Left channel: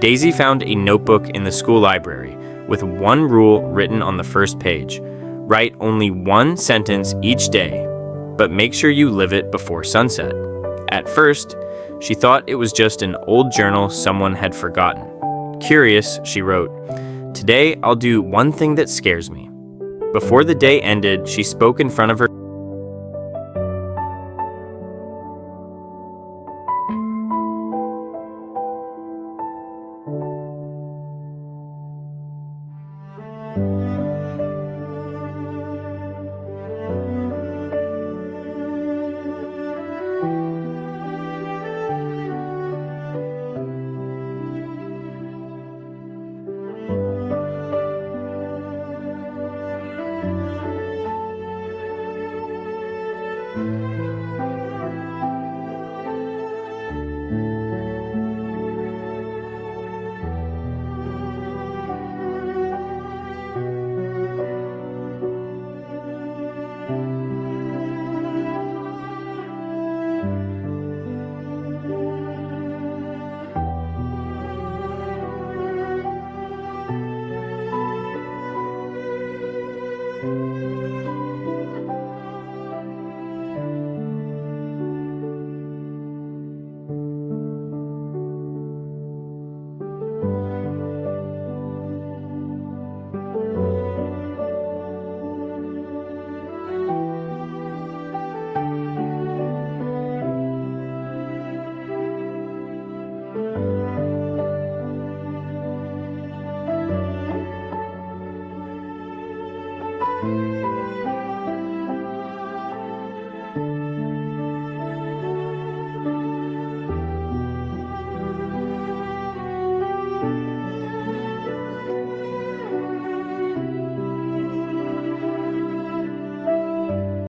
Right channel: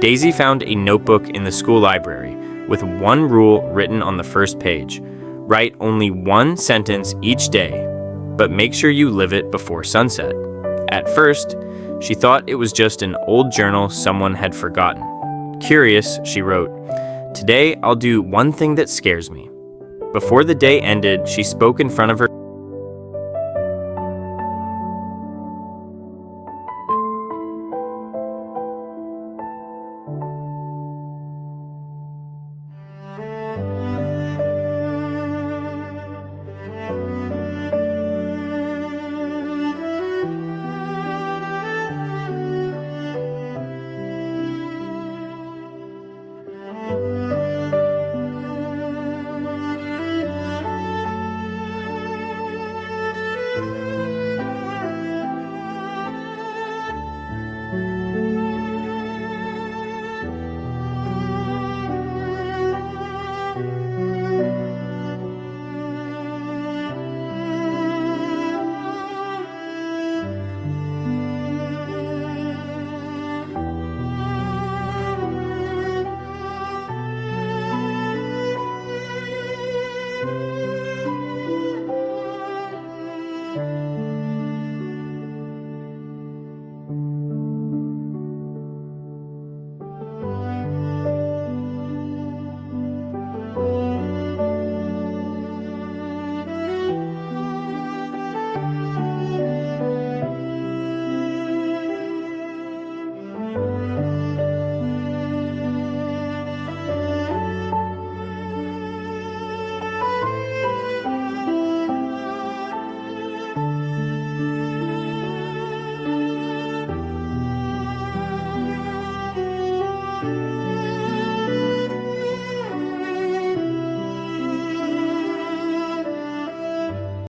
Daisy found a notebook in the school library with one rule written on the first page. Write only one sentence each day, but make sure you live it before sunset. At first, she thought it was just an old journal someone had forgotten. Curious, she wrote, "Today I'll do one thing that scares me." Before the day ended, she spoke in front of her